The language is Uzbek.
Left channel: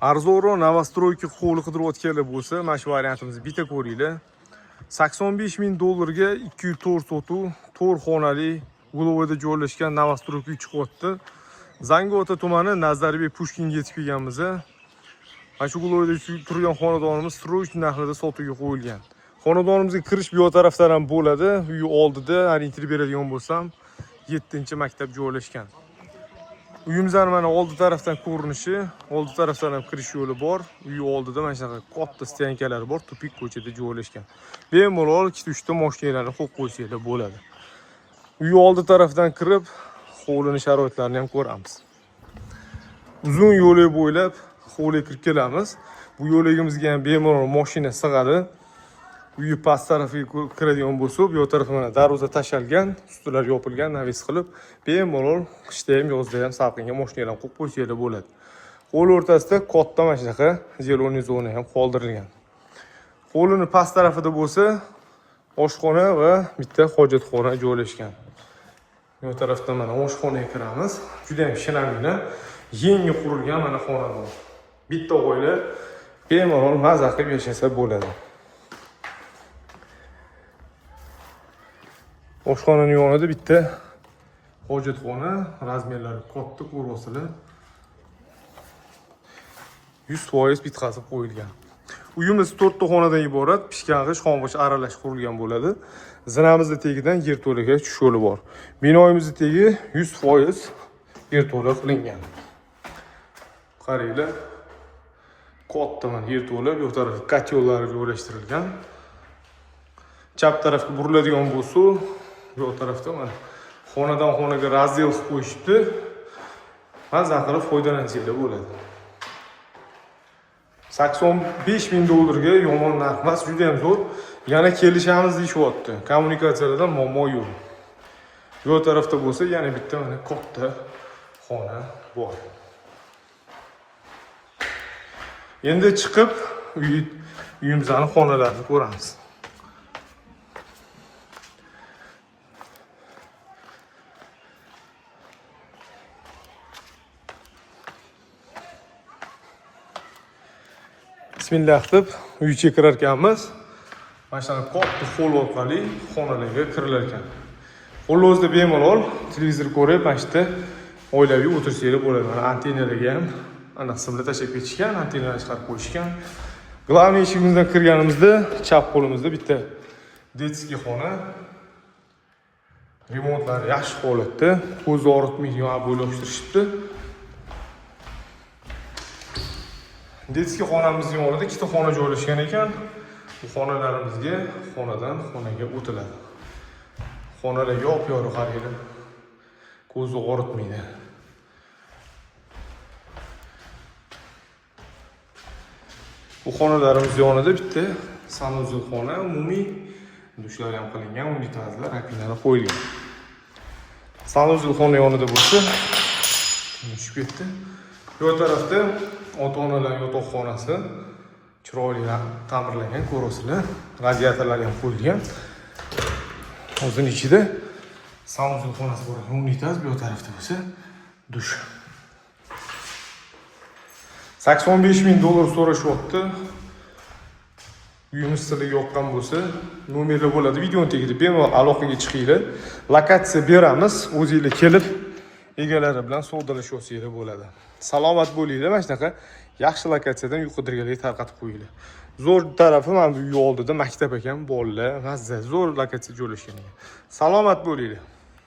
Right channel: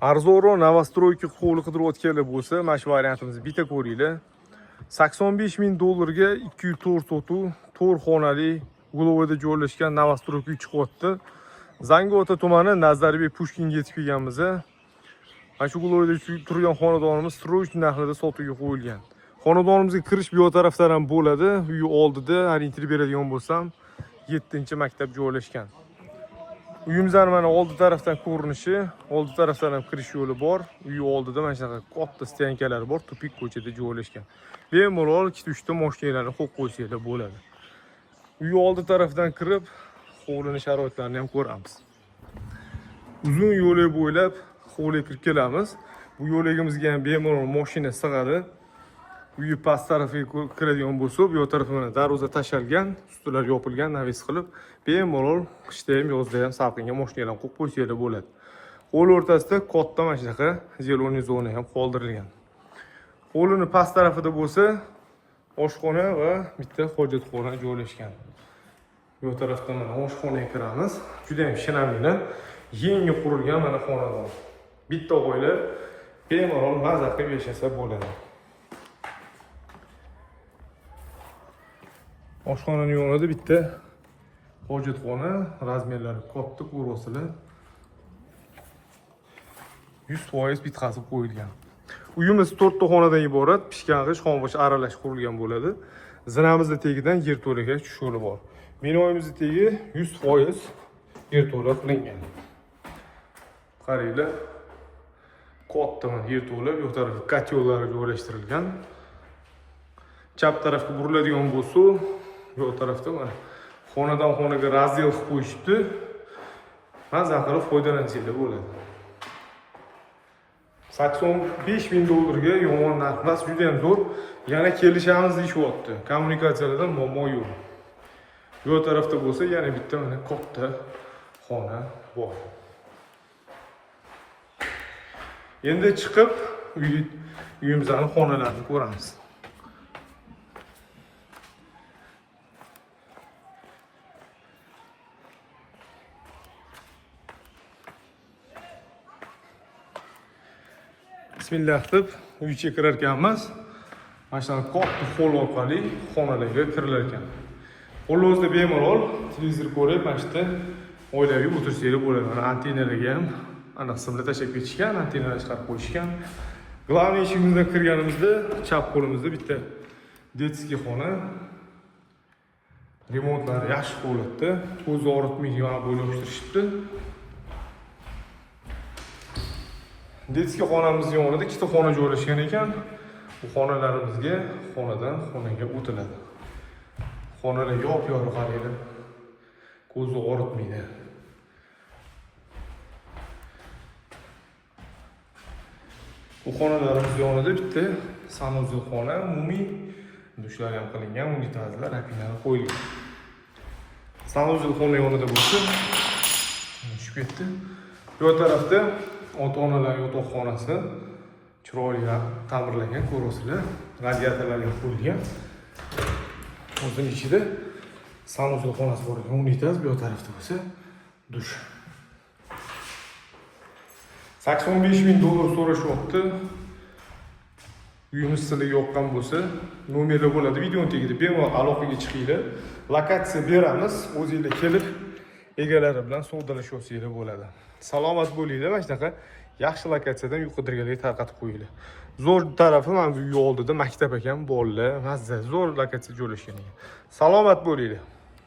Arzonroq novostroyka hovli qidirayotganlar bo'lsa, mana shu variantimizni bitta ko'ringlar. 85 ming dollarga 204 sotuv, 4 xonali, Gulovda joylashgan novostroyka 3 qavatda. Zangiota tumani Nazarbek Pushkinga yetib kelganmiz. Mana shu Gulovda turgan xonadonimiz srochniy narxida sotuvga qo'yilgan. Xonadonimizga kirish bu tarafdan ham bo'ladi. Uy oldida orientir beradigan bo'lsam, 7-maktab joylashgan. Uyimizning mana oldi tarafdan ko'rinishi, oldi tarafdan ham kirish yo'li bor. Uy oldida mana shunaqa katta stenkalar bor, tupik ko'chada joylashgan. Bemalol 2-3 ta mashinalarni qo'yib qo'ysanglar bo'ladi. Uy oldi tarafdan kirib, hovlining sharoitlarini ham ko'ramiz. Uzun yo'lak bo'ylab hovliga kirib kelamiz. Bu yo'lagimizga ham bemalol mashina sig'adi. Uy past tarafiga kiradigan bo'lsa, bu tarafga mana darvoza tashalgan, ustilar yopilgan, navis qilib, bemalol qishda ham, yozda ham salqinga mashinalarni qo'yib qo'ysanglar bo'ladi. Hovli o'rtasida katta mana shunaqa zeloniy zona ham qoldirilgan. Hovlining past tarafida bo'lsa, oshxona va bitta hojatxona joylashgan. Bu tarafdan mana oshxonaga kiramiz. Juda ham shinamgina, yangi qurilgan mana xonadon. Bitta oila bemalol maza qilib yashasa bo'ladi. Oshxonaning yonida bitta hojatxona, razmerlari katta ko'rasizlar. 100% bitqazib qo'yilgan. Uyimiz 4 ta xonadan iborat, pishkang'ich, xombosh aralash qurilgan bo'ladi. Zinamizning tegidan yerto'laga tushish yo'li bor. Binoyimizning tegi 100% yerto'la qilingan. Qaranglar. Katta yerto'la, bu tarafga kotyollar joylashtirilgan. Chap tarafga buriladigan bo'lsa, bu tarafda mana xonadan xonaga razdel qilib qo'yishibdi. Maza qilib foydalansanglar bo'ladi. 85 ming dollarga yomon narx emas, juda ham zo'r. Yana kelishamiz deyishyapti. Kommunikatsiyalarda muammo yo'q. Bu tarafda bo'lsa, yana bitta mana katta xona bor. Endi chiqib uyimizning xonalarini ko'ramiz. Bismillah deb uyga kirar ekanmiz. Mana shu katta hol orqali xonalarga kirilar ekan. Qo'lingizda bemalol televizor ko'rib, mana shu oilaviy o'tirsanglar bo'ladi. Mana antennalarga ham ana qismda tashlab ketishgan, antennalarni chiqarib qo'yishgan. Glavniy eshigimizdan kirganimizda chap qo'limizda bitta detskiy xona. Remontlar yaxshi holatda, ko'z og'ritmaydigan bo'lib yopishtirishibdi. Detskiy xonamizning yonida ikkita xona joylashgan ekan. Bu xonalarimizga xonadan xonaga o'tiladi. Xonalar yop-yorug' qaranglar. Ko'z og'ritmaydi. Bu xonalarimiz yonida bitta sanuzel xona, umumiy dushlar ham qilingan, unitazlar, rakovinalar qo'yilgan. Sanuzel xona yonida bo'lsa, tushib ketdi. Bu tarafda ota-onalar yotoqxonasi chiroyli ta'mirlangan, ko'rasizlar. Radiatorlar ham qo'yilgan. O'zining ichida sanuzel xonasi bor. Unitaz bu tarafda bo'lsa, dush. 85 ming dollar so'rashyapti. Uyimiz sizlarga yoqqan bo'lsa, nomerlar bo'ladi. Videoning tagida bemalol aloqaga chiqinglar. Lokatsiya beramiz. O'zingizlar kelib, egalari bilan savdolashyapsizlar bo'ladi. Salomat bo'linglar. Mana shunaqa yaxshi lokatsiyadan yuqoriga tarqatib qo'yinglar. Zo'r tarafi mana bu uy oldida maktab ekan, bolalar, mazza, zo'r lokatsiya joylashgan ekan. Salomat bo'linglar.